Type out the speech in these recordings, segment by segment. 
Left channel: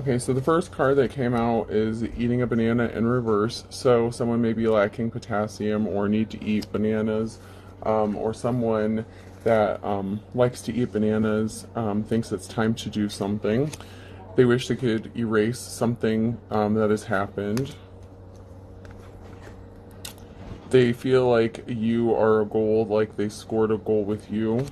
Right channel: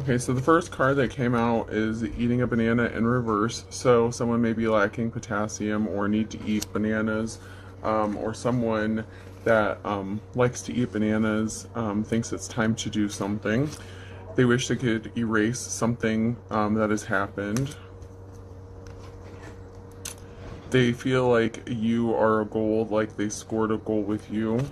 Okay, so the first card that came out is eating a banana in reverse. So someone may be lacking potassium or need to eat bananas, or someone that likes to eat bananas thinks it's time to do something. They wish they could erase something that has happened. They feel like you are a goal, like they scored a goal with you.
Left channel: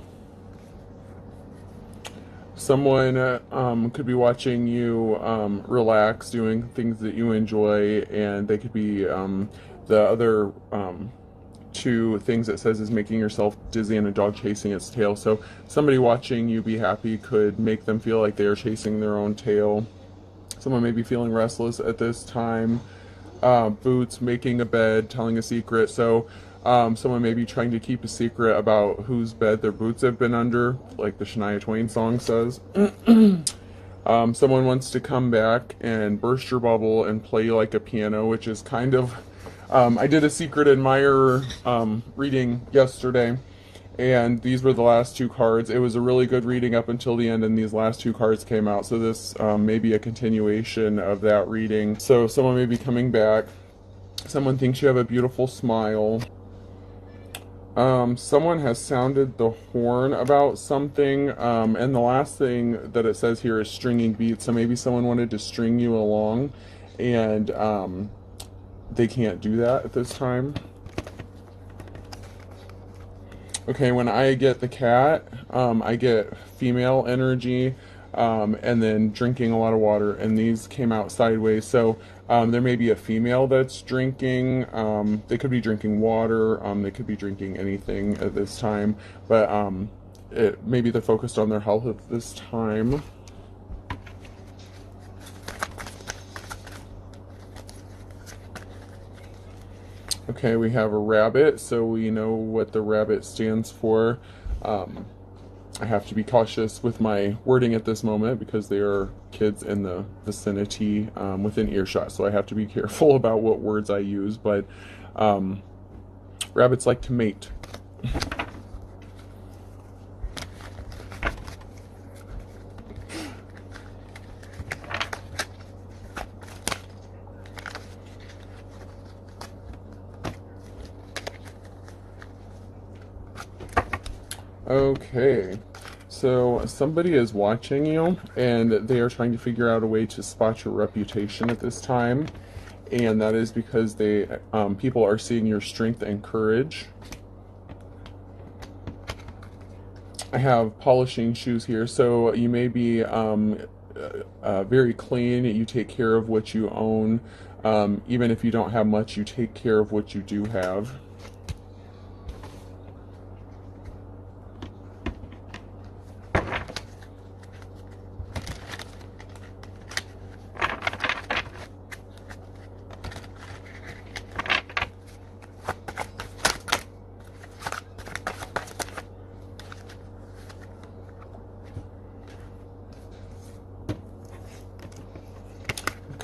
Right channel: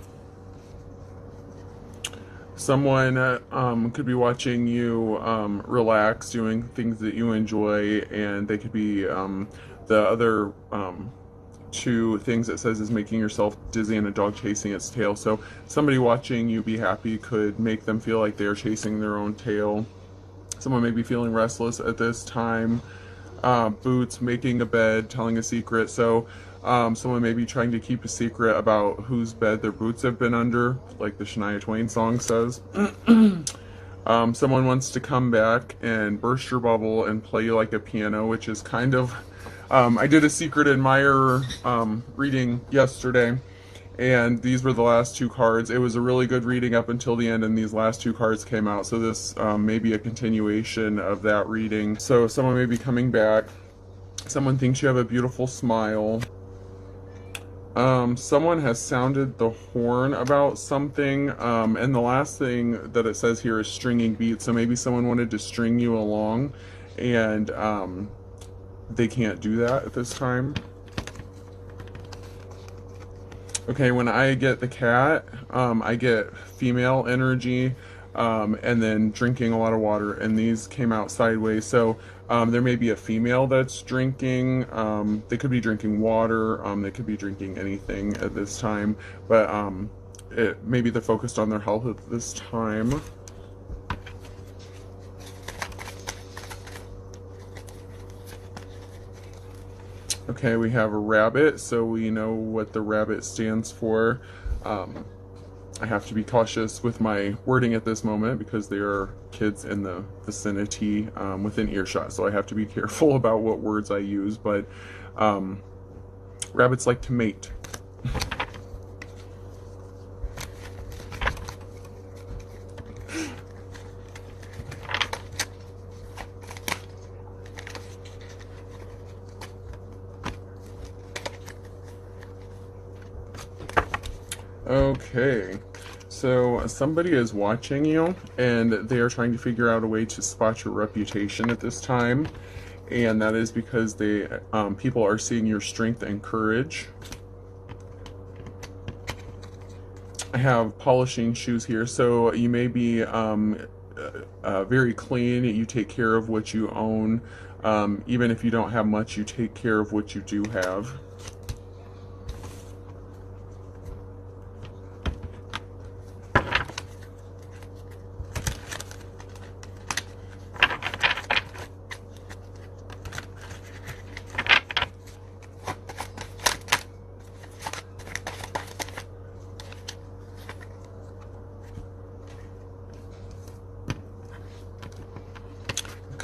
Someone could be watching you relax, doing things that you enjoy, and they could be the other two things it says is making yourself dizzy and a dog chasing its tail. So somebody watching you be happy could make them feel like they are chasing their own tail. Someone may be feeling restless at this time. Boots, making a bed, telling a secret. So someone may be trying to keep a secret about whose bed their boots have been under, like the Shania Twain song says. Someone wants to come back and burst your bubble and play you like a piano, which is kind of... I did a Secret Admirer reading yesterday, and these were the last two cards. It was a really good reading up until the end, and these last two cards came out. So this may be a continuation of that reading. So someone may be coming back. Someone thinks you have a beautiful smile. Someone has sounded the horn about something, and the last thing that it says here is stringing beats. So maybe someone wanted to string you along, and they can't do that at this time. Okay, when I get the cat, I get female energy, and then drinking a lot of water, and these came out sideways. So there may be a female that's drinking. They could be drinking water. They could be drinking anything at this time, but maybe they're focused on their health at this time. Okay, we have a rabbit, so we know what the rabbit stands for. I have to be cautious with my wording at this moment because there are kids in the vicinity within earshot, so I have to be careful about what words I use, but rabbits like to mate. Okay, so somebody is watching you, and they are trying to figure out a way to spot your reputation at this time, and that is because people are seeing your strength and courage. I have polishing shoes here, so you may be very clean. You take care of what you own. Even if you don't have much, you take care of what you do have.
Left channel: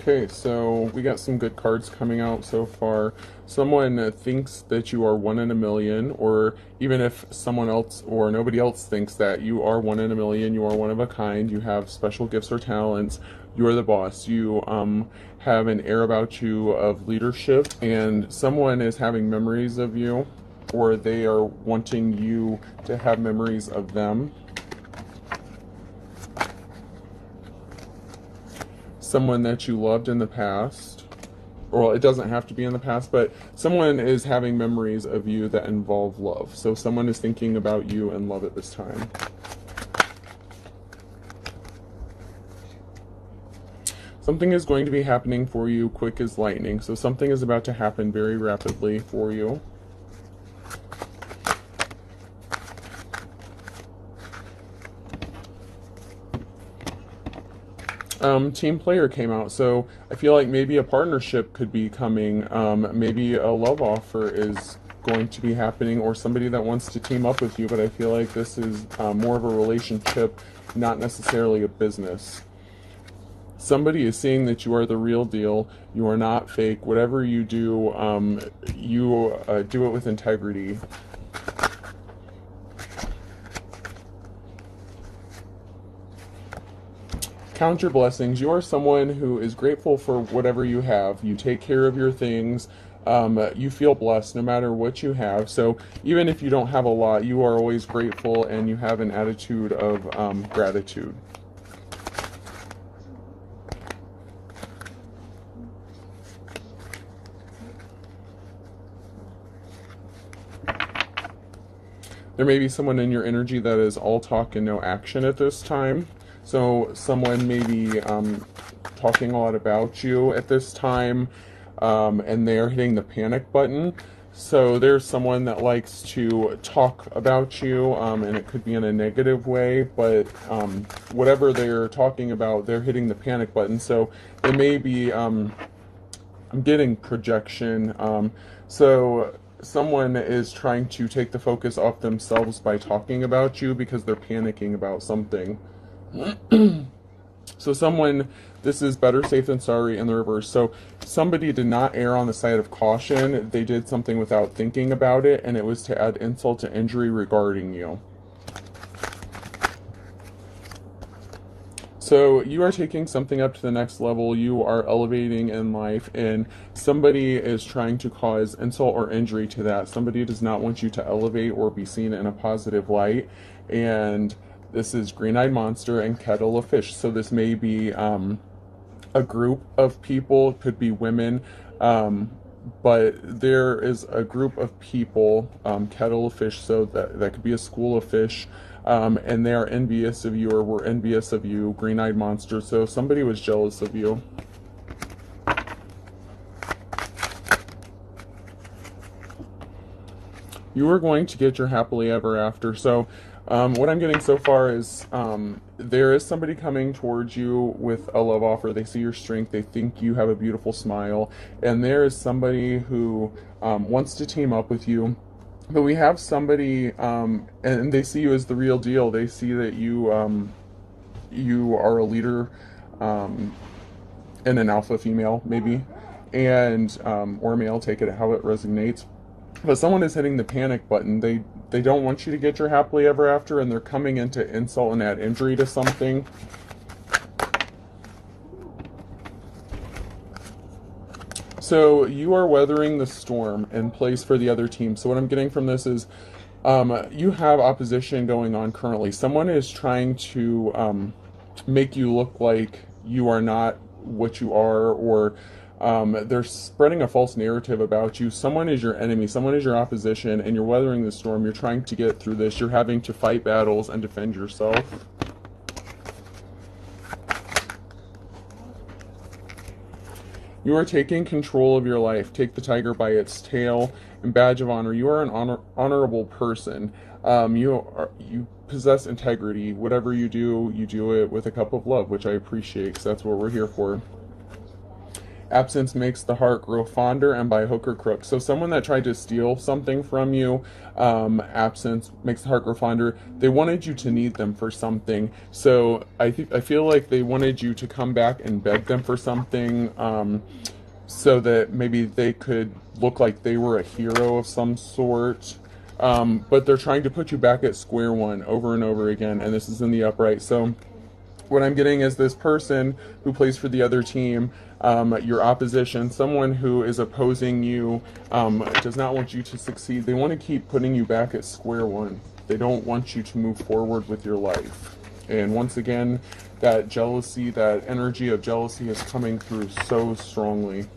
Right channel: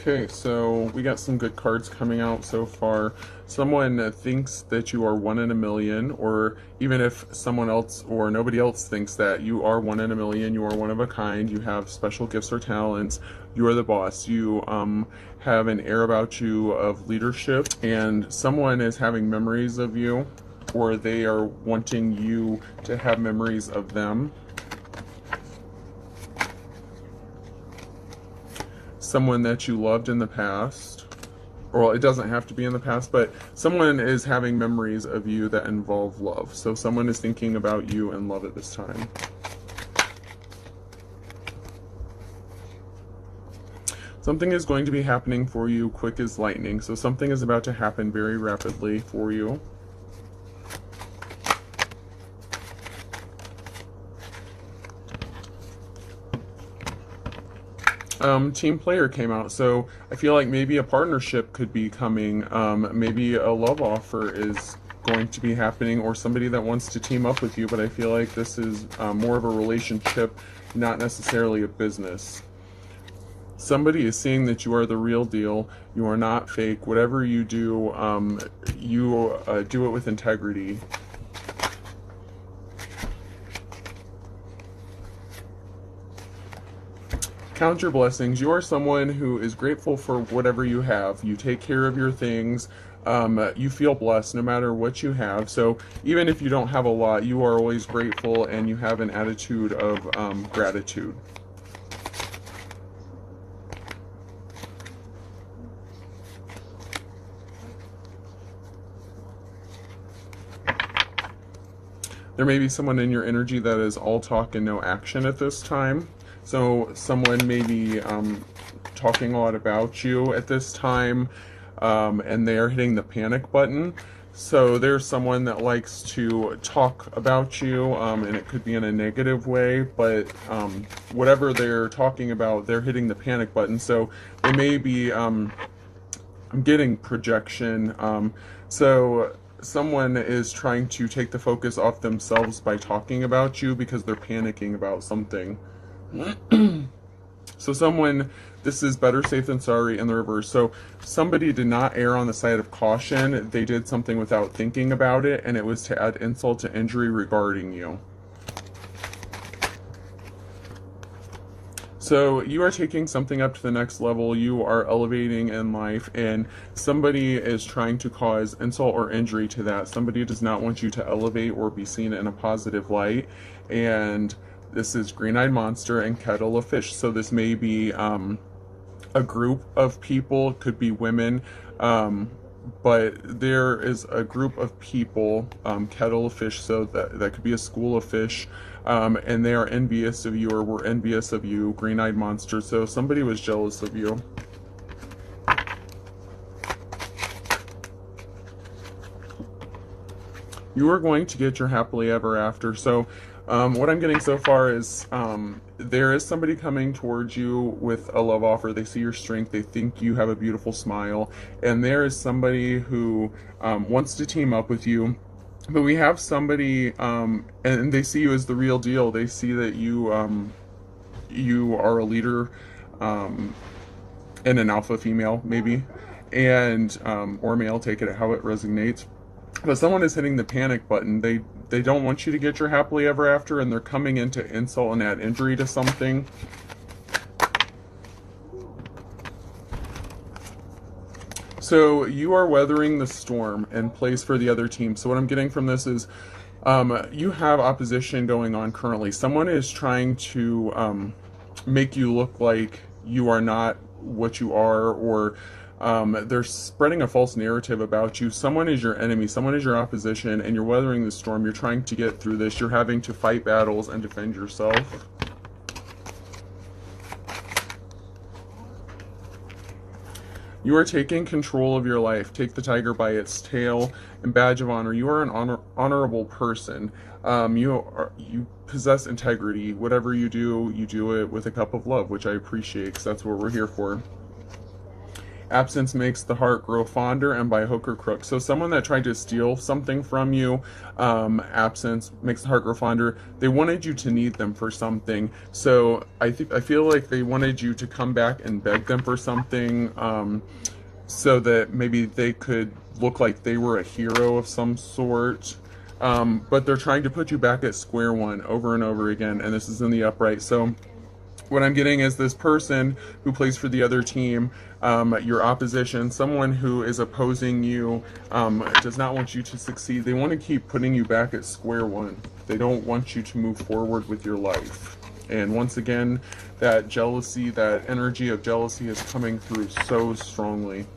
Okay, so we got some good cards coming out so far. Someone thinks that you are 1 in a million, or even if someone else or nobody else thinks that you are 1 in a million, you are one of a kind, you have special gifts or talents, you are the boss, you have an air about you of leadership, and someone is having memories of you, or they are wanting you to have memories of them. Someone that you loved in the past, or it doesn't have to be in the past, but someone is having memories of you that involve love. So someone is thinking about you and love at this time. Something is going to be happening for you quick as lightning. So something is about to happen very rapidly for you. Team player came out, so I feel like maybe a partnership could be coming. Maybe a love offer is going to be happening, or somebody that wants to team up with you, but I feel like this is more of a relationship, not necessarily a business. Somebody is saying that you are the real deal, you are not fake. Whatever you do, you do it with integrity. Count your blessings. You are someone who is grateful for whatever you have. You take care of your things. You feel blessed no matter what you have. So even if you don't have a lot, you are always grateful and you have an attitude of gratitude. There may be someone in your energy that is all talk and no action at this time. So someone may be talking a lot about you at this time, and they're hitting the panic button. So there's someone that likes to talk about you, and it could be in a negative way, but whatever they're talking about, they're hitting the panic button. So they may be, I'm getting projection. So someone is trying to take the focus off themselves by talking about you because they're panicking about something. So someone, this is better safe than sorry in the reverse. So somebody did not err on the side of caution. They did something without thinking about it, and it was to add insult to injury regarding you. So you are taking something up to the next level. You are elevating in life, and somebody is trying to cause insult or injury to that. Somebody does not want you to elevate or be seen in a positive light. And this is green-eyed monster and kettle of fish. So this may be a group of people, could be women, but there is a group of people, kettle of fish, so that could be a school of fish, and they are envious of you or were envious of you, green-eyed monster. So somebody was jealous of you. You are going to get your happily ever after. So what I'm getting so far is there is somebody coming towards you with a love offer. They see your strength. They think you have a beautiful smile. And there is somebody who wants to team up with you. But we have somebody, and they see you as the real deal. They see that you you are a leader and an alpha female, maybe, and or male, take it how it resonates. But someone is hitting the panic button. They don't want you to get your happily ever after, and they're coming in to insult and add injury to something. So you are weathering the storm and plays for the other team. So what I'm getting from this is you have opposition going on currently. Someone is trying to make you look like you are not what you are, or they're spreading a false narrative about you. Someone is your enemy, someone is your opposition, and you're weathering the storm. You're trying to get through this. You're having to fight battles and defend yourself. You are taking control of your life. Take the tiger by its tail and badge of honor. You are an honorable person. You possess integrity. Whatever you do it with a cup of love, which I appreciate, because that's what we're here for. Absence makes the heart grow fonder, and by hook or crook. So someone that tried to steal something from you, absence makes the heart grow fonder. They wanted you to need them for something. So I feel like they wanted you to come back and beg them for something, so that maybe they could look like they were a hero of some sort. But they're trying to put you back at square one over and over again, and this is in the upright. So what I'm getting is this person who plays for the other team, your opposition, someone who is opposing you, does not want you to succeed. They want to keep putting you back at square one. They don't want you to move forward with your life. And once again, that jealousy, that energy of jealousy is coming through so strongly.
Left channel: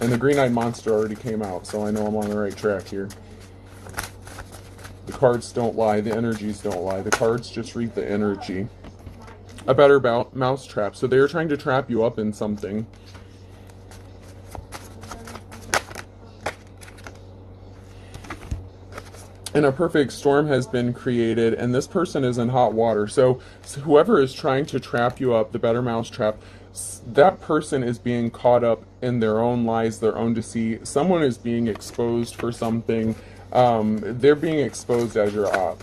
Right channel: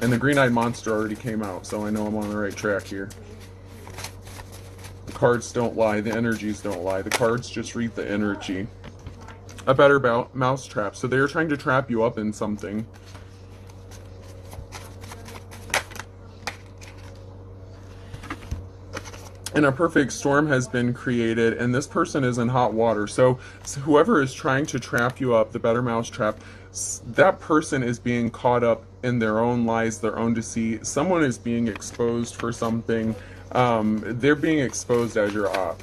And the green-eyed monster already came out, so I know I'm on the right track here. The cards don't lie. The energies don't lie. The cards just read the energy. A better mousetrap. So they're trying to trap you up in something. And a perfect storm has been created, and this person is in hot water. So whoever is trying to trap you up, the better mousetrap, that person is being caught up in their own lies, their own deceit. Someone is being exposed for something. They're being exposed as your op.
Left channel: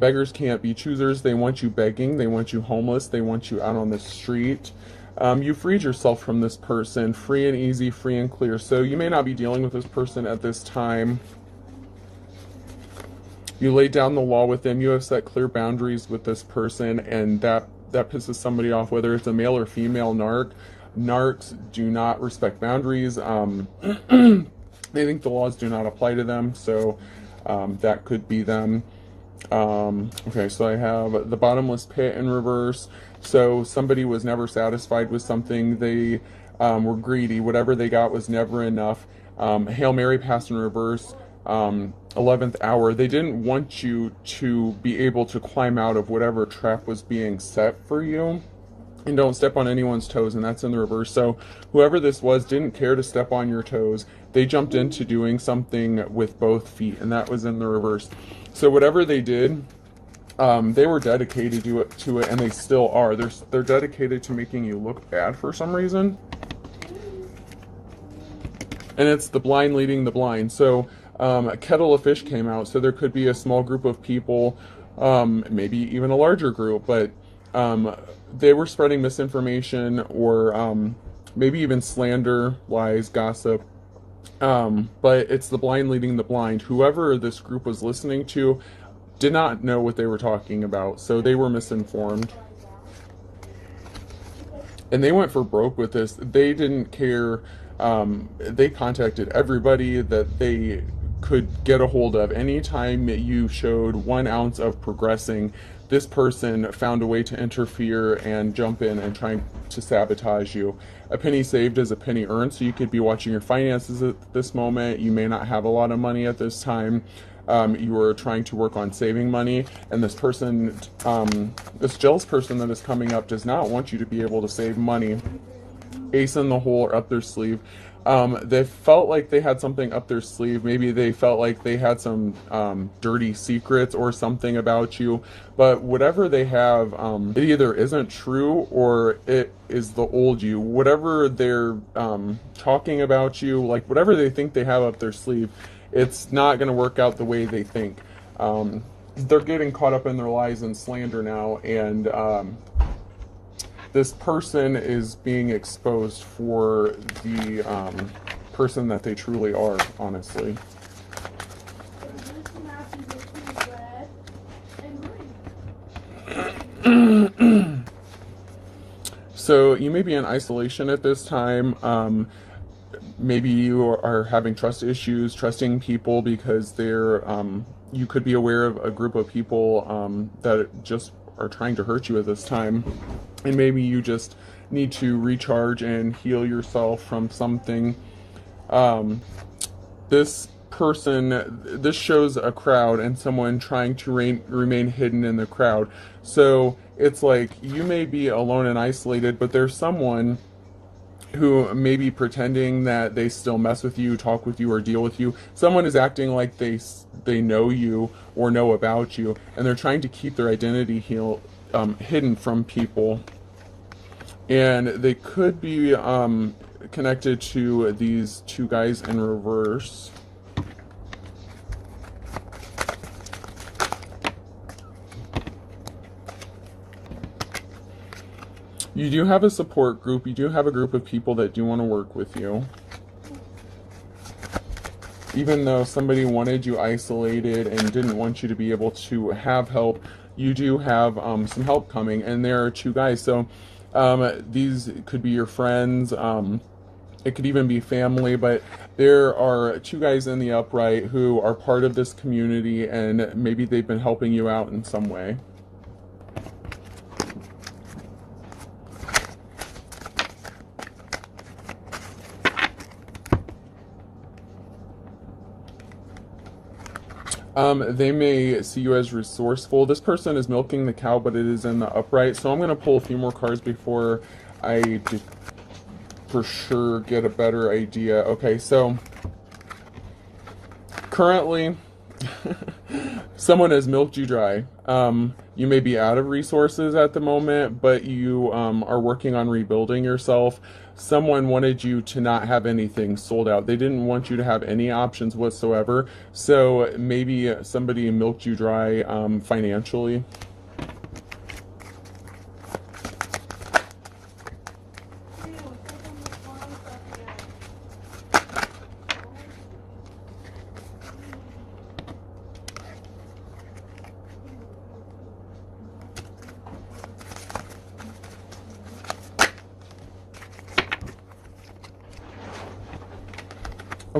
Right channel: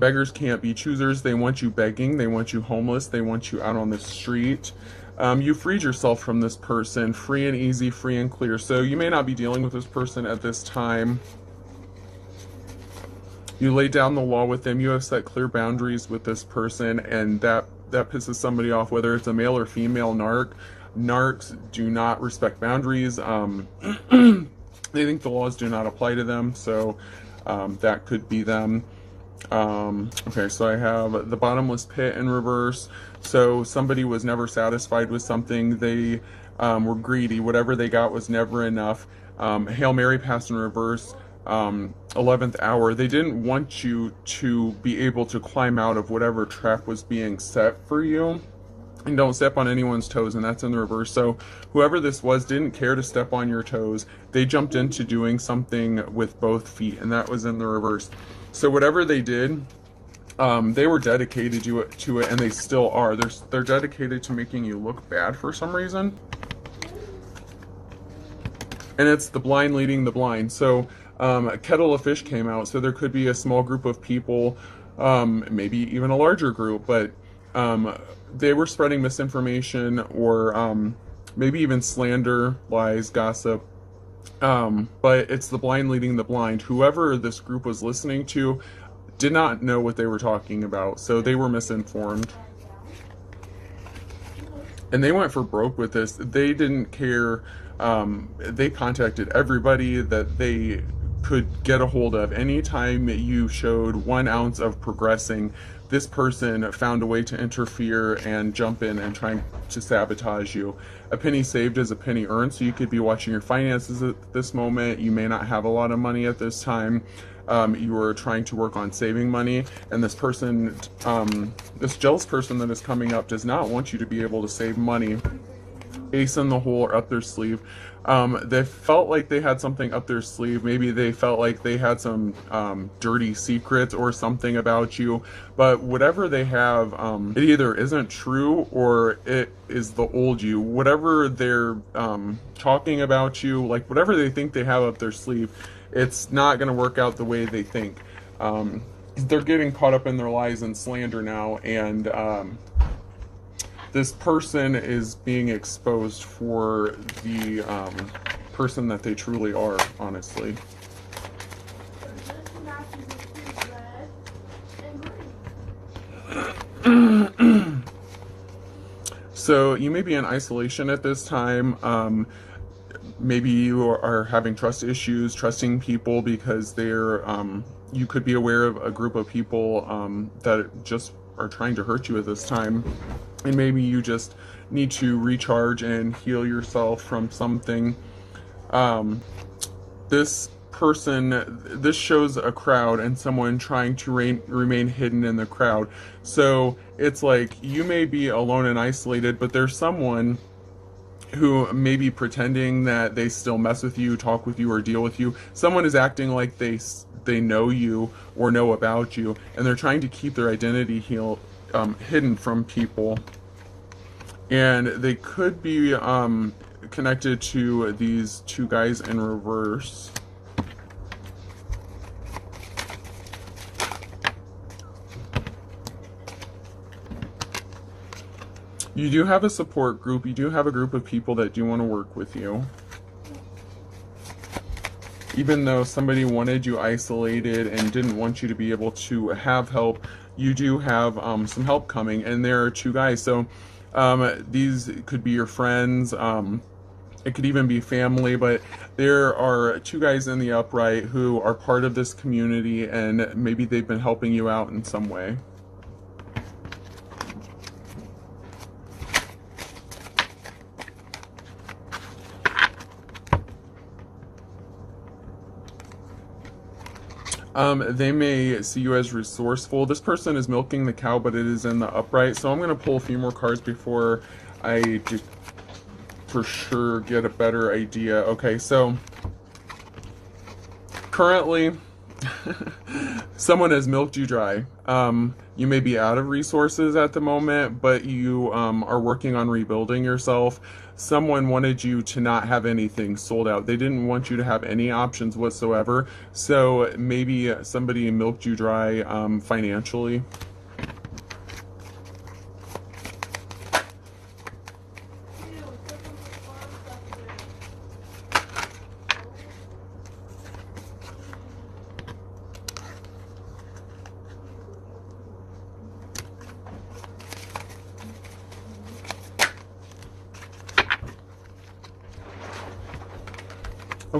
Beggars can't be choosers. They want you begging. They want you homeless. They want you out on the street. You freed yourself from this person, free and easy, free and clear. So you may not be dealing with this person at this time. You laid down the law with them. You have set clear boundaries with this person, and that pisses somebody off, whether it's a male or female narc. Narcs do not respect boundaries. They think the laws do not apply to them, so that could be them. Okay, so I have the bottomless pit in reverse. So somebody was never satisfied with something. They were greedy. Whatever they got was never enough. Hail Mary passed in reverse. 11th hour. They didn't want you to be able to climb out of whatever trap was being set for you. And don't step on anyone's toes, and that's in the reverse. So whoever this was didn't care to step on your toes. They jumped into doing something with both feet, and that was in the reverse. So whatever they did, they were dedicated to it, and they still are. They're dedicated to making you look bad for some reason. And it's the blind leading the blind. So a kettle of fish came out, so there could be a small group of people, maybe even a larger group, but they were spreading misinformation or maybe even slander, lies, gossip. But it's the blind leading the blind. Whoever this group was listening to did not know what they were talking about, so they were misinformed. And they went for broke with this. They didn't care. They contacted everybody that they could get a hold of. Anytime you showed 1 ounce of progressing, this person found a way to interfere and jump in and try to sabotage you. A penny saved is a penny earned, so you could be watching your finances at this moment. You may not have a lot of money at this time. You are trying to work on saving money, and this person, this jealous person that is coming up does not want you to be able to save money. Ace in the hole or up their sleeve. They felt like they had something up their sleeve. Maybe they felt like they had some dirty secrets or something about you. But whatever they have, it either isn't true or it is the old you. Whatever they're talking about you, like whatever they think they have up their sleeve, it's not going to work out the way they think. They're getting caught up in their lies and slander now, and this person is being exposed for the person that they truly are, honestly. So you may be in isolation at this time. Maybe you are having trust issues, trusting people because they're, you could be aware of a group of people that just are trying to hurt you at this time. And maybe you just need to recharge and heal yourself from something. This person, this shows a crowd and someone trying to remain hidden in the crowd. So it's like you may be alone and isolated, but there's someone who may be pretending that they still mess with you, talk with you, or deal with you. Someone is acting like they know you or know about you, and they're trying to keep their identity hidden from people. And they could be connected to these 2 guys in reverse. You do have a support group. You do have a group of people that do want to work with you. Even though somebody wanted you isolated and didn't want you to be able to have help, you do have some help coming. And there are 2 guys. So these could be your friends. It could even be family. But there are 2 guys in the upright who are part of this community, and maybe they've been helping you out in some way. They may see you as resourceful. This person is milking the cow, but it is in the upright. So I'm going to pull a few more cards before I for sure get a better idea. Okay, so currently someone has milked you dry. You may be out of resources at the moment, but you are working on rebuilding yourself. Someone wanted you to not have anything sold out. They didn't want you to have any options whatsoever. So maybe somebody milked you dry financially.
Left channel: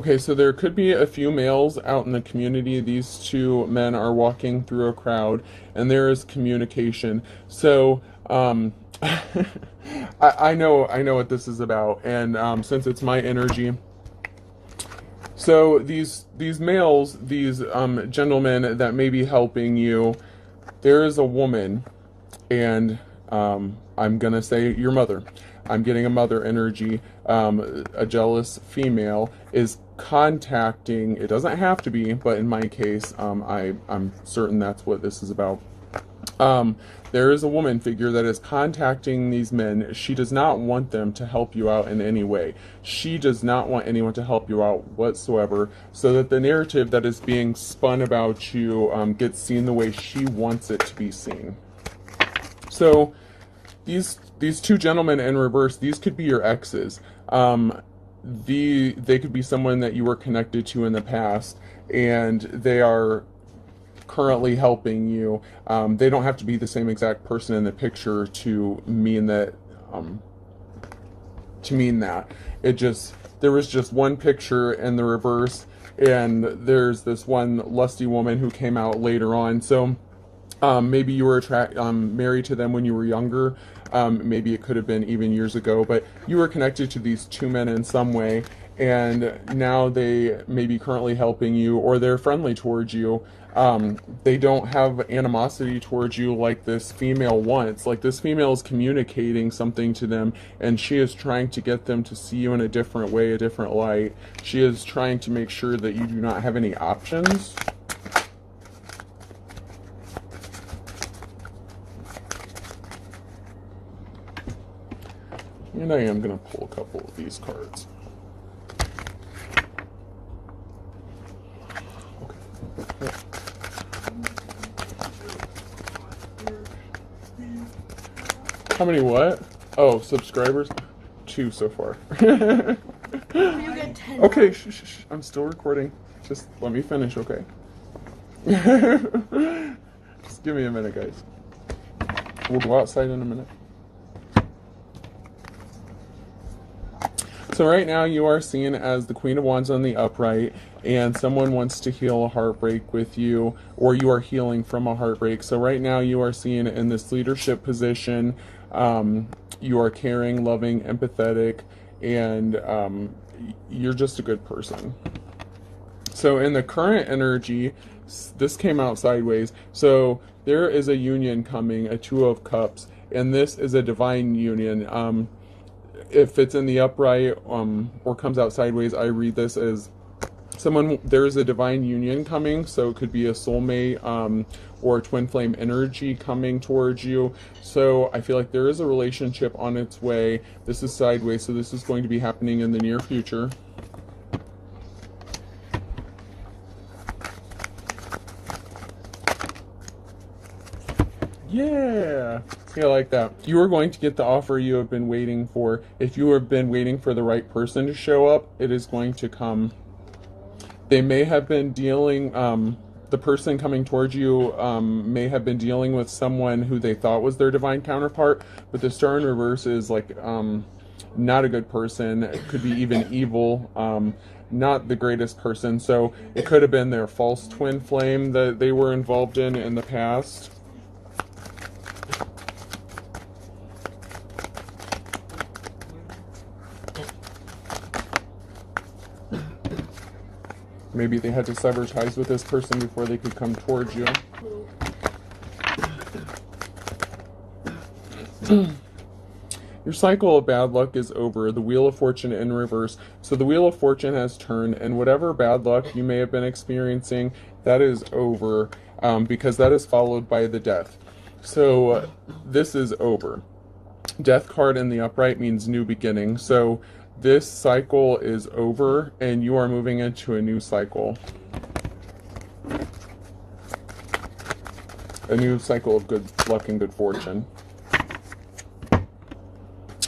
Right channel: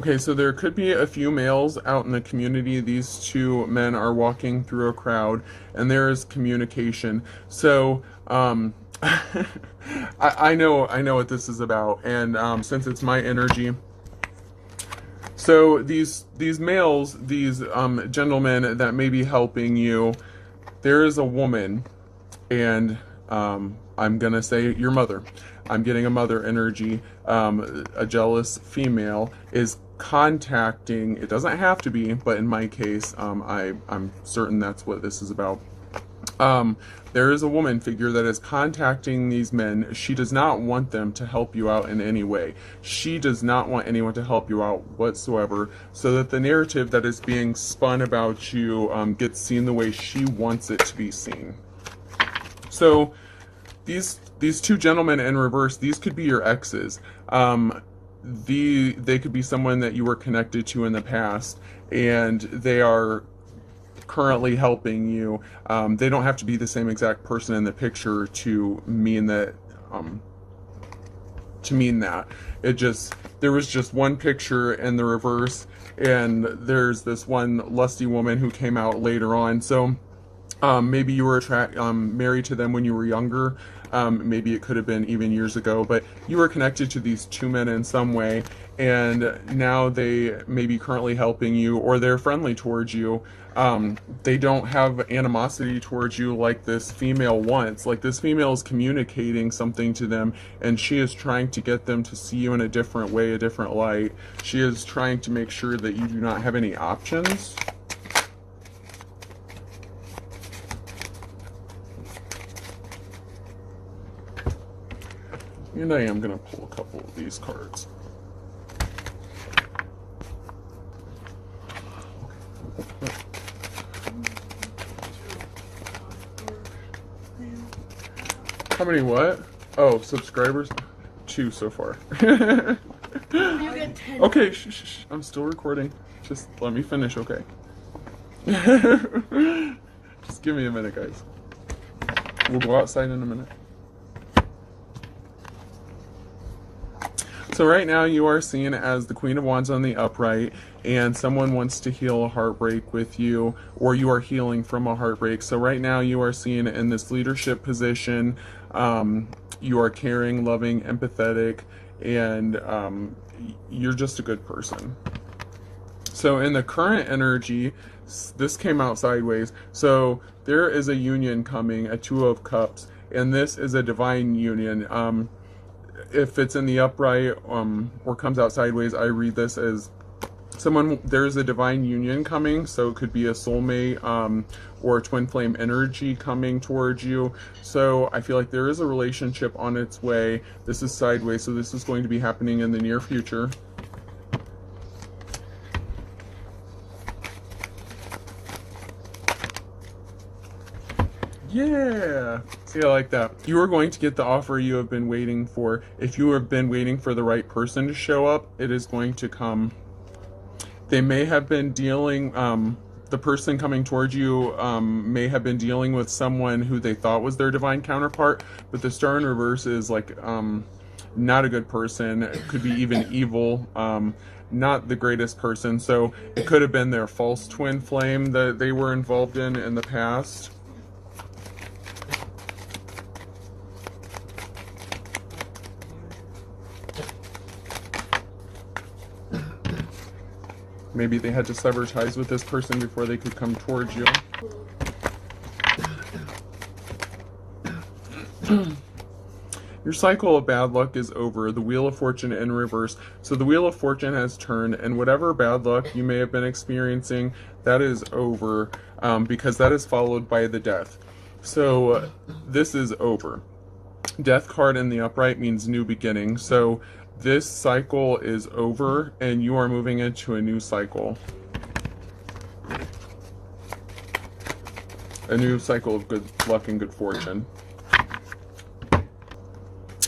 Okay, so there could be a few males out in the community. These two men are walking through a crowd, and there is communication. So, I know what this is about, and since it's my energy, so these males, these gentlemen that may be helping you, there is a woman, and I'm gonna say your mother. I'm getting a mother energy. A jealous female is contacting. It doesn't have to be, but in my case, I'm certain that's what this is about. There is a woman figure that is contacting these men. She does not want them to help you out in any way. She does not want anyone to help you out whatsoever, so that the narrative that is being spun about you gets seen the way she wants it to be seen. So these two gentlemen in reverse, these could be your exes. They could be someone that you were connected to in the past, and they are currently helping you. They don't have to be the same exact person in the picture to mean that. There was just one picture in the reverse, and there's this one lusty woman who came out later on. So maybe you were married to them when you were younger. Maybe it could have been even years ago, but you were connected to these two men in some way, and now they may be currently helping you, or they're friendly towards you. They don't have animosity towards you like this female wants. Like, this female is communicating something to them, and she is trying to get them to see you in a different way, a different light. She is trying to make sure that you do not have any options. And I am going to pull a couple of these cards. How many what? Oh, subscribers? 2 so far. Okay, shh. I'm still recording. Just let me finish, okay? Just give me a minute, guys. We'll go outside in a minute. So right now you are seen as the Queen of Wands on the upright, and someone wants to heal a heartbreak with you, or you are healing from a heartbreak. So right now you are seen in this leadership position. You are caring, loving, empathetic, and you're just a good person. So in the current energy, this came out sideways. So there is a union coming, a 2 of Cups, and this is a divine union. If it's in the upright or comes out sideways, I read this as there's a divine union coming. So it could be a soulmate or a twin flame energy coming towards you. So I feel like there is a relationship on its way. This is sideways, so this is going to be happening in the near future. Yeah, see, I like that. You are going to get the offer you have been waiting for. If you have been waiting for the right person to show up, it is going to come. They may have been dealing, the person coming towards you may have been dealing with someone who they thought was their divine counterpart, but the star in reverse is like not a good person. It could be even evil. Not the greatest person. So it could have been their false twin flame that they were involved in the past. Maybe they had to sever ties with this person before they could come towards you. Your cycle of bad luck is over. The Wheel of Fortune in reverse. So the Wheel of Fortune has turned, and whatever bad luck you may have been experiencing, that is over, because that is followed by the Death. So this is over. Death card in the upright means new beginning. So this cycle is over, and you are moving into a new cycle. A new cycle of good luck and good fortune.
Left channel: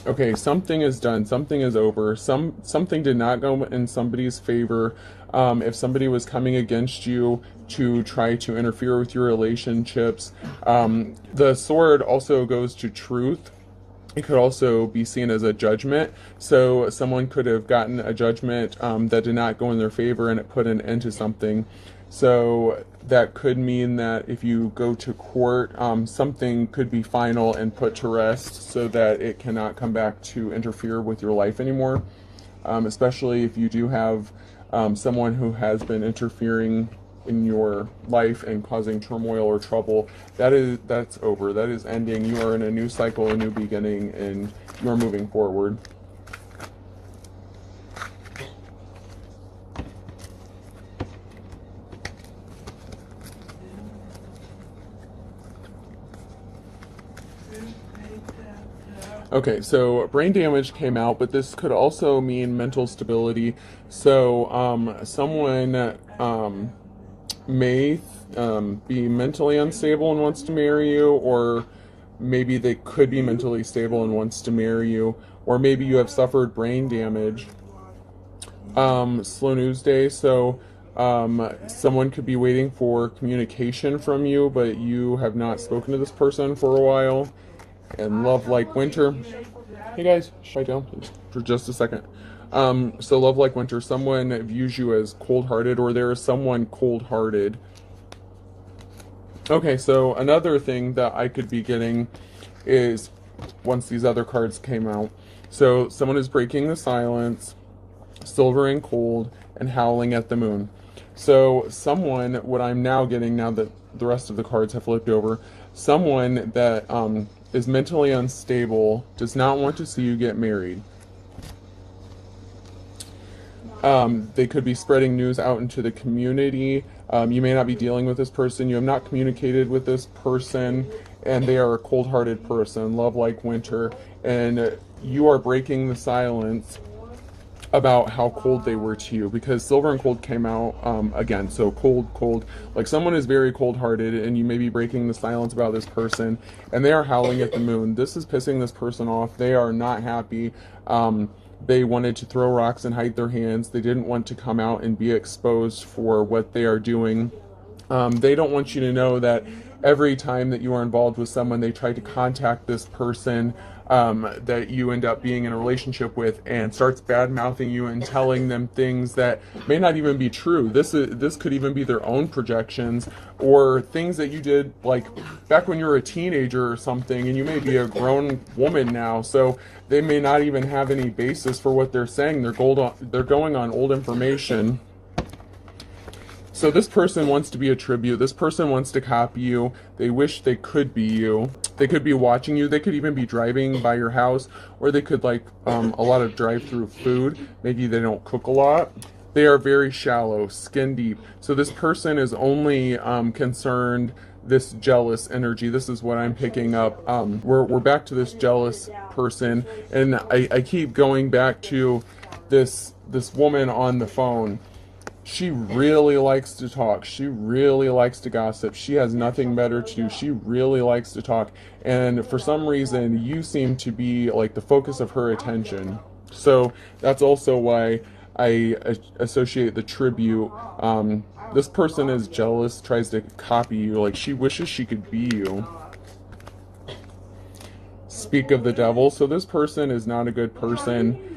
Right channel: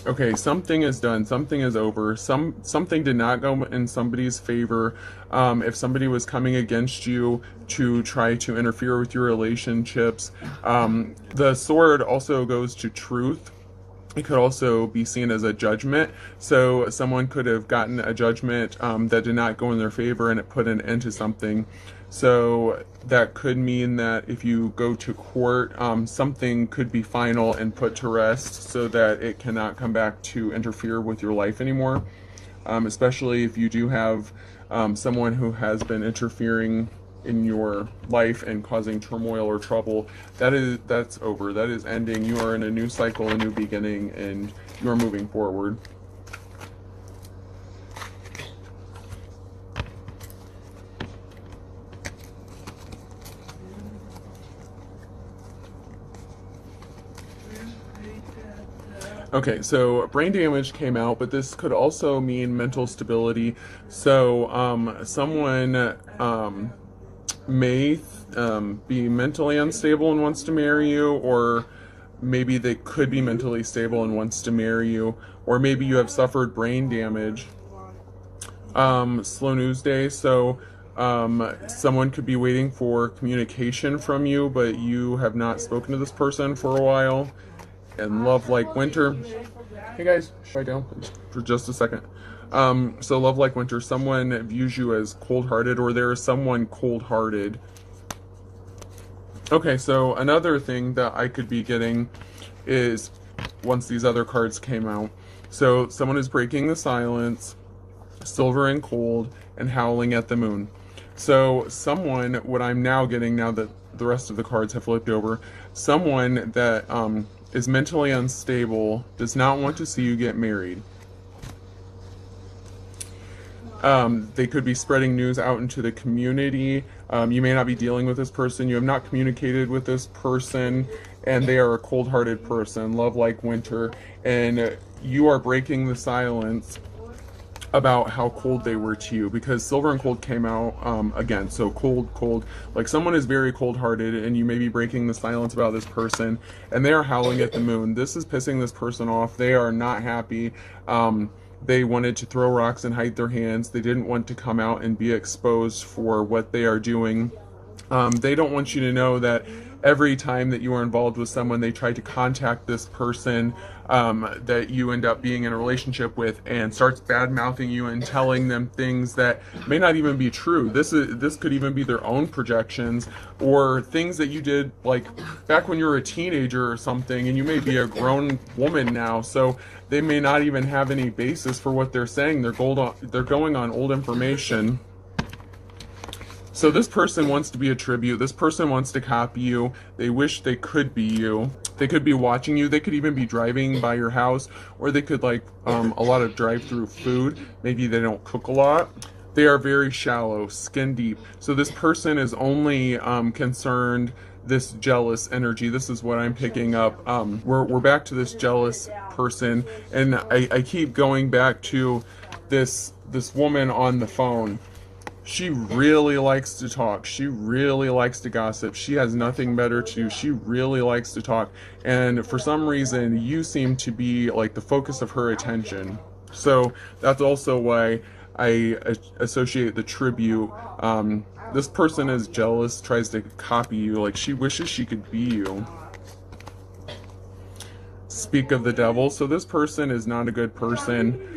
Okay, something is done. Something is over. Something did not go in somebody's favor. If somebody was coming against you to try to interfere with your relationships. The sword also goes to truth. It could also be seen as a judgment. So someone could have gotten a judgment that did not go in their favor, and it put an end to something. So that could mean that if you go to court, something could be final and put to rest so that it cannot come back to interfere with your life anymore. Especially if you do have someone who has been interfering in your life and causing turmoil or trouble. That's over. That is ending. You are in a new cycle, a new beginning, and you are moving forward. Okay, so brain damage came out, but this could also mean mental stability. So someone may be mentally unstable and wants to marry you, or maybe they could be mentally stable and wants to marry you, or maybe you have suffered brain damage. Slow news day. So someone could be waiting for communication from you, but you have not spoken to this person for a while. And love like winter. Hey guys, quiet down please for just a second. So love like winter, someone views you as cold-hearted, or there is someone cold-hearted. Okay, so another thing that I could be getting is, once these other cards came out, so someone is breaking the silence, silver and cold, and howling at the moon. So someone, what I'm now getting, now that the rest of the cards have flipped over, someone that is mentally unstable, does not want to see you get married. They could be spreading news out into the community. You may not be dealing with this person. You have not communicated with this person, and they are a cold-hearted person, love like winter, and you are breaking the silence about how cold they were to you, because silver and cold came out again. So cold, like someone is very cold-hearted, and you may be breaking the silence about this person, and they are howling at the moon. This is pissing this person off. They are not happy. They wanted to throw rocks and hide their hands. They didn't want to come out and be exposed for what they are doing. They don't want you to know that every time that you are involved with someone, they try to contact this person that you end up being in a relationship with, and starts bad-mouthing you and telling them things that may not even be true. This could even be their own projections, or things that you did like back when you were a teenager or something, and you may be a grown woman now, so they may not even have any basis for what they're saying. They're going on old information. So this person wants to be a tribute. This person wants to copy you. They wish they could be you. They could be watching you. They could even be driving by your house, or they could like a lot of drive-through food. Maybe they don't cook a lot. They are very shallow, skin deep. So this person is only concerned, this jealous energy. This is what I'm picking up. We're back to this jealous person, and I keep going back to this woman on the phone. She really likes to talk. She really likes to gossip. She has nothing better to do. She really likes to talk. And for some reason, you seem to be like the focus of her attention. So that's also why I associate the tribute. This person is jealous, tries to copy you. Like she wishes she could be you. Speak of the devil. So this person is not a good person.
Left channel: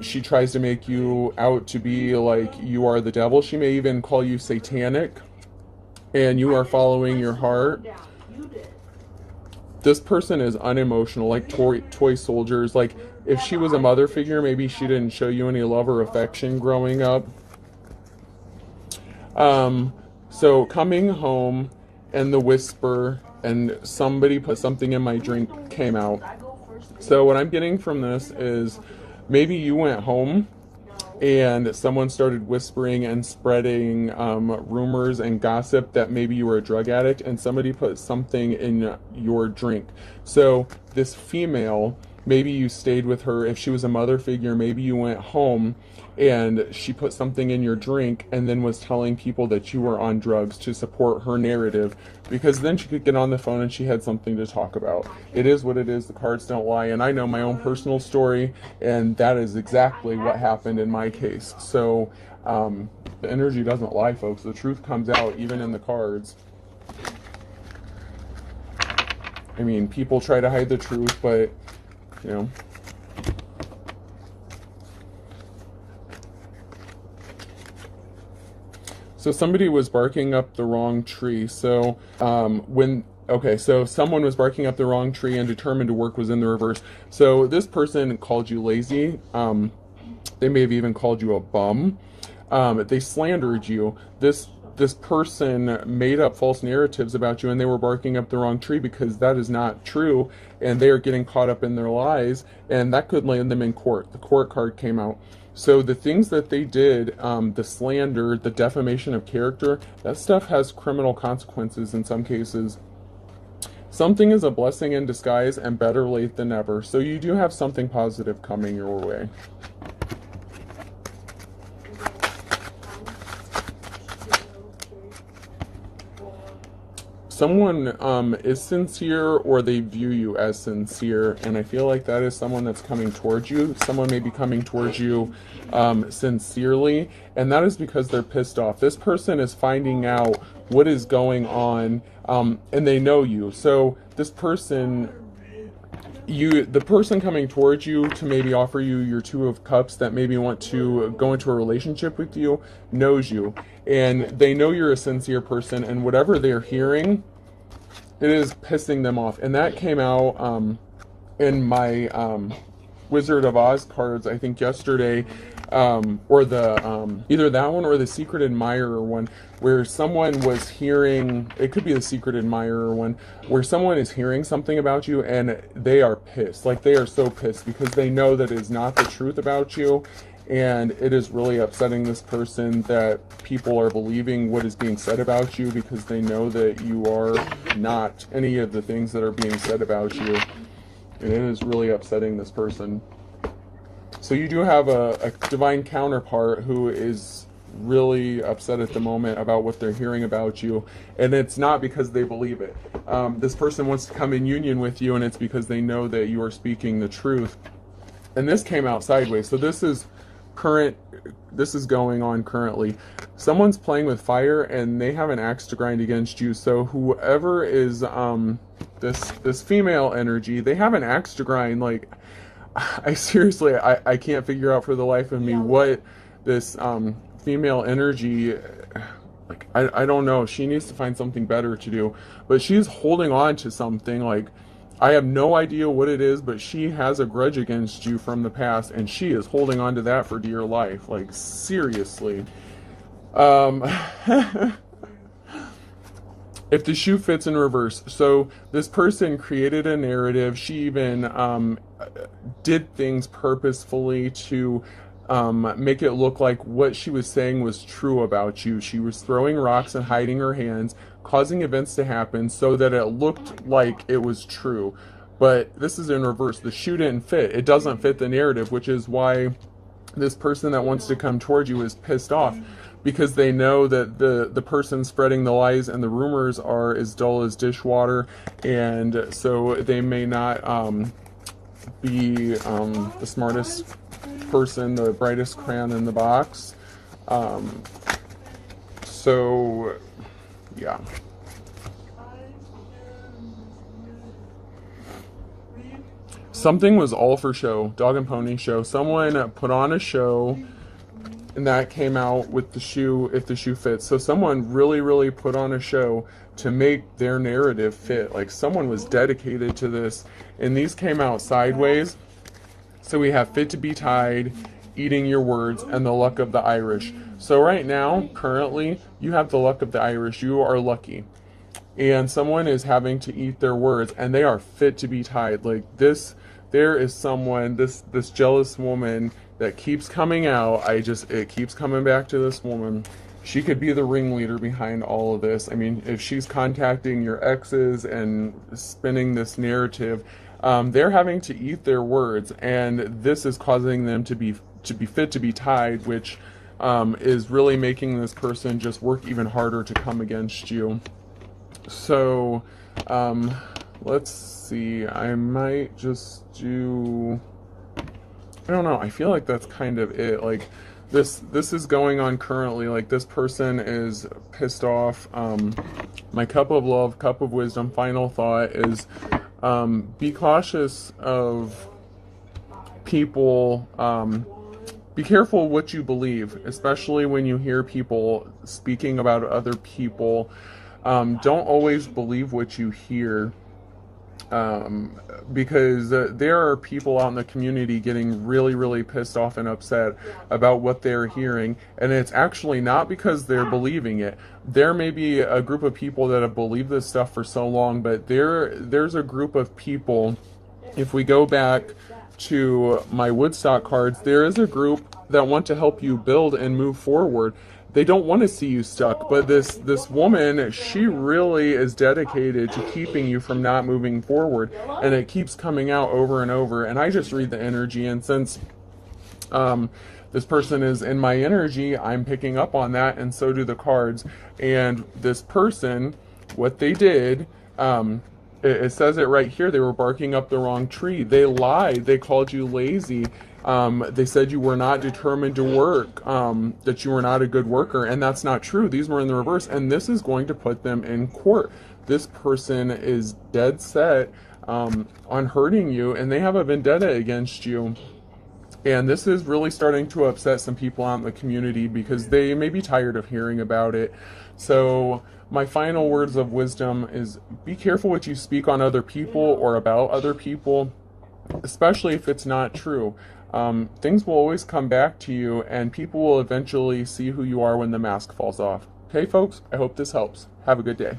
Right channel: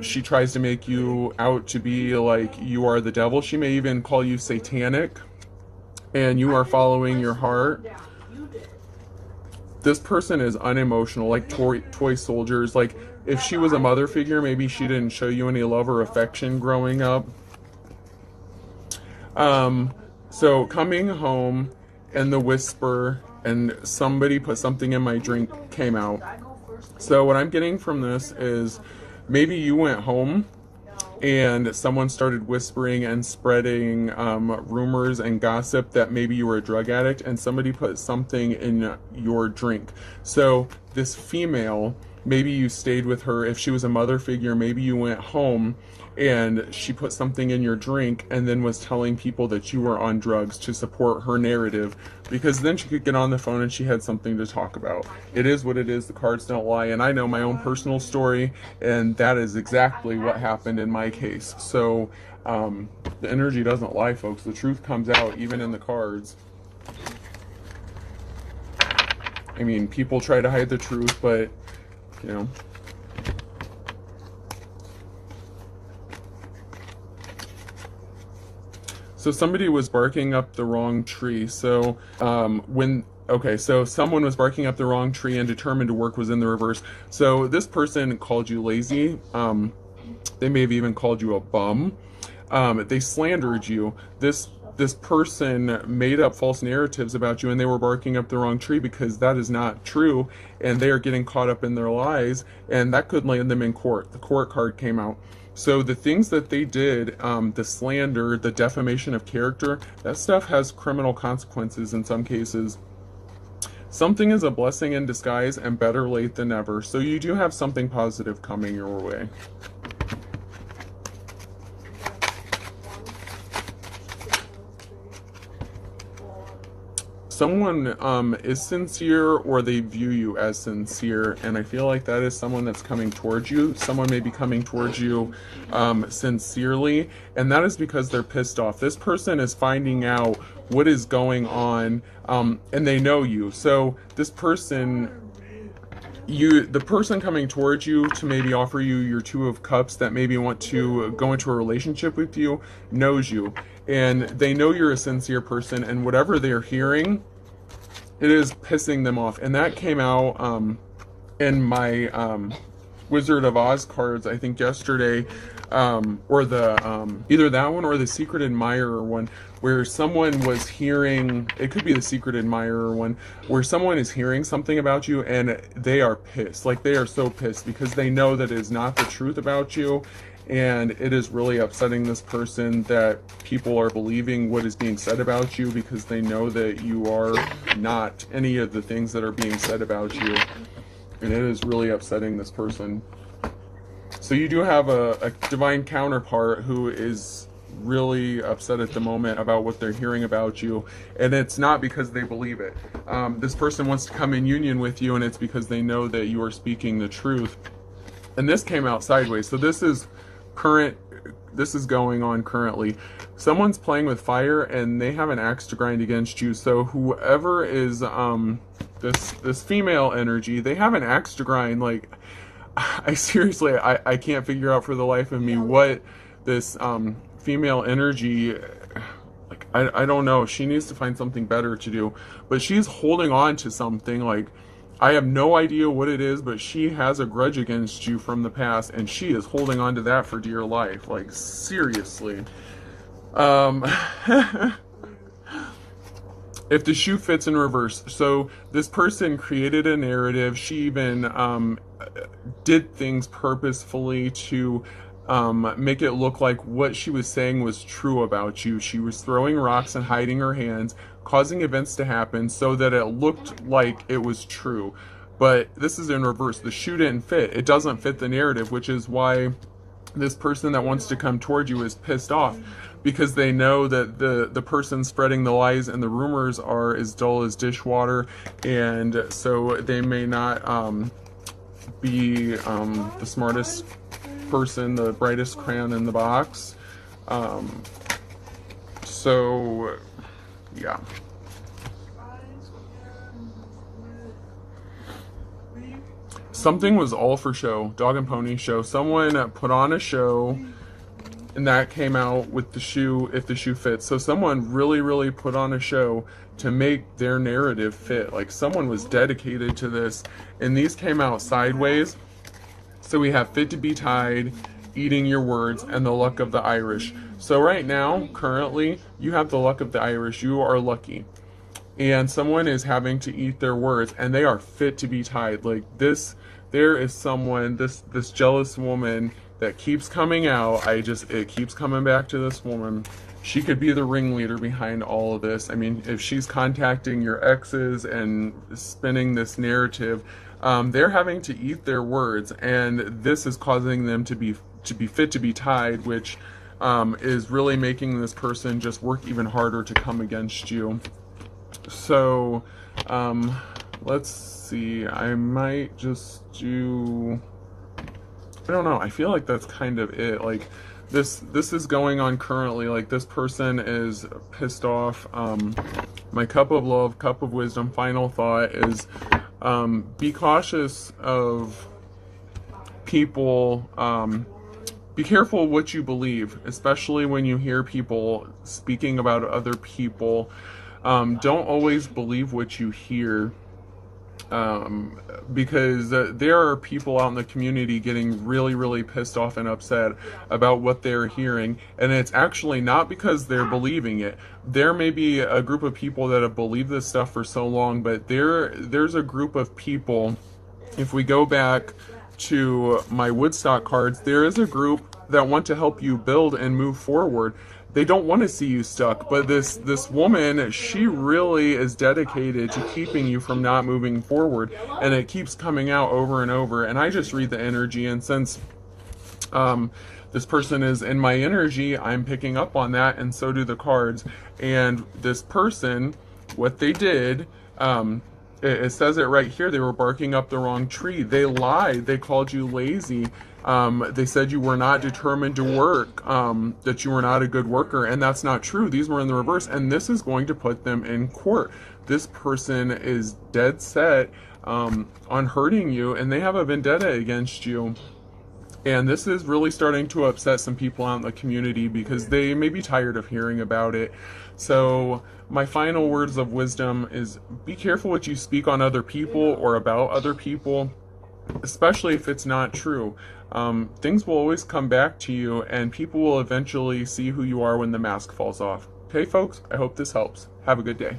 She tries to make you out to be like you are the devil. She may even call you satanic, and you are following your heart. This person is unemotional, like toy soldiers. Like if she was a mother figure, maybe she didn't show you any love or affection growing up. So coming home, and the whisper, and somebody put something in my drink came out. So what I'm getting from this is, maybe you went home and someone started whispering and spreading rumors and gossip that maybe you were a drug addict, and somebody put something in your drink. So this female, maybe you stayed with her. If she was a mother figure, maybe you went home and she put something in your drink and then was telling people that you were on drugs to support her narrative, because then she could get on the phone and she had something to talk about. It is what it is. The cards don't lie. And I know my own personal story, and that is exactly what happened in my case. So the energy doesn't lie, folks. The truth comes out even in the cards. I mean, people try to hide the truth, but you know. So somebody was barking up the wrong tree. So so someone was barking up the wrong tree and determined to work was in the reverse. So this person called you lazy. They may have even called you a bum. They slandered you. This person made up false narratives about you, and they were barking up the wrong tree because that is not true, and they are getting caught up in their lies, and that could land them in court. The court card came out. So the things that they did, the slander, the defamation of character, that stuff has criminal consequences in some cases. Something is a blessing in disguise, and better late than never. So you do have something positive coming your way. Someone is sincere, or they view you as sincere, and I feel like that is someone that's coming towards you. Someone may be coming towards you sincerely, and that is because they're pissed off. This person is finding out what is going on, and they know you. So this person, the person coming towards you to maybe offer you your Two of Cups, that maybe want to go into a relationship with you, knows you, and they know you're a sincere person, and whatever they're hearing, it is pissing them off. And that came out in my Wizard of Oz cards, I think yesterday, or the either that one or the Secret Admirer one, where someone was hearing, it could be the Secret Admirer one, where someone is hearing something about you and they are pissed. Like, they are so pissed because they know that it is not the truth about you, and it is really upsetting this person that people are believing what is being said about you, because they know that you are not any of the things that are being said about you, and it is really upsetting this person. So you do have a divine counterpart who is really upset at the moment about what they're hearing about you, and it's not because they believe it. This person wants to come in union with you, and it's because they know that you are speaking the truth. And this came out sideways, so this is going on currently. Someone's playing with fire, and they have an axe to grind against you. So whoever is this female energy, they have an axe to grind. Like, I seriously, I can't figure out for the life of me what this female energy, like, I don't know. She needs to find something better to do, but she's holding on to something. Like, I have no idea what it is, but she has a grudge against you from the past, and she is holding on to that for dear life. Like, seriously. If the shoe fits in reverse. So this person created a narrative. She even did things purposefully to make it look like what she was saying was true about you. She was throwing rocks and hiding her hands, causing events to happen so that it looked like it was true. But this is in reverse. The shoe didn't fit. It doesn't fit the narrative, which is why this person that wants to come towards you is pissed off, because they know that the person spreading the lies and the rumors are as dull as dishwater, and so they may not be the smartest person, the brightest crayon in the box. So yeah. Something was all for show. Dog and pony show. Someone put on a show, and that came out with the shoe, if the shoe fits. So someone really put on a show to make their narrative fit. Like, someone was dedicated to this, and these came out sideways. So we have fit to be tied, eating your words, and the luck of the Irish. So right now, currently, you have the luck of the Irish. You are lucky. And someone is having to eat their words, and they are fit to be tied. Like, this, there is someone, this jealous woman that keeps coming out. It keeps coming back to this woman. She could be the ringleader behind all of this. I mean, if she's contacting your exes and spinning this narrative, they're having to eat their words, and this is causing them to be fit to be tied, which is really making this person just work even harder to come against you. So let's see, I might just do, I don't know, I feel like that's kind of it. Like, this is going on currently. Like, this person is pissed off. My cup of love, cup of wisdom, final thought is, be cautious of people, be careful what you believe, especially when you hear people speaking about other people. Don't always believe what you hear, because there are people out in the community getting really, really pissed off and upset about what they're hearing, and it's actually not because they're believing it. There may be a group of people that have believed this stuff for so long, but there's a group of people, if we go back to my Woodstock cards, there is a group that want to help you build and move forward. They don't want to see you stuck, but this woman, she really is dedicated to keeping you from not moving forward, and it keeps coming out over and over. And I just read the energy, and since this person is in my energy, I'm picking up on that, and so do the cards. And this person, what they did, it says it right here, they were barking up the wrong tree. They lied. They called you lazy. They said you were not determined to work, that you were not a good worker, and that's not true. These were in the reverse, and this is going to put them in court. This person is dead set on hurting you, and they have a vendetta against you. And this is really starting to upset some people out in the community because they may be tired of hearing about it. So my final words of wisdom is be careful what you speak on other people or about other people, especially if it's not true. Things will always come back to you, and people will eventually see who you are when the mask falls off. Hey folks, I hope this helps. Have a good day.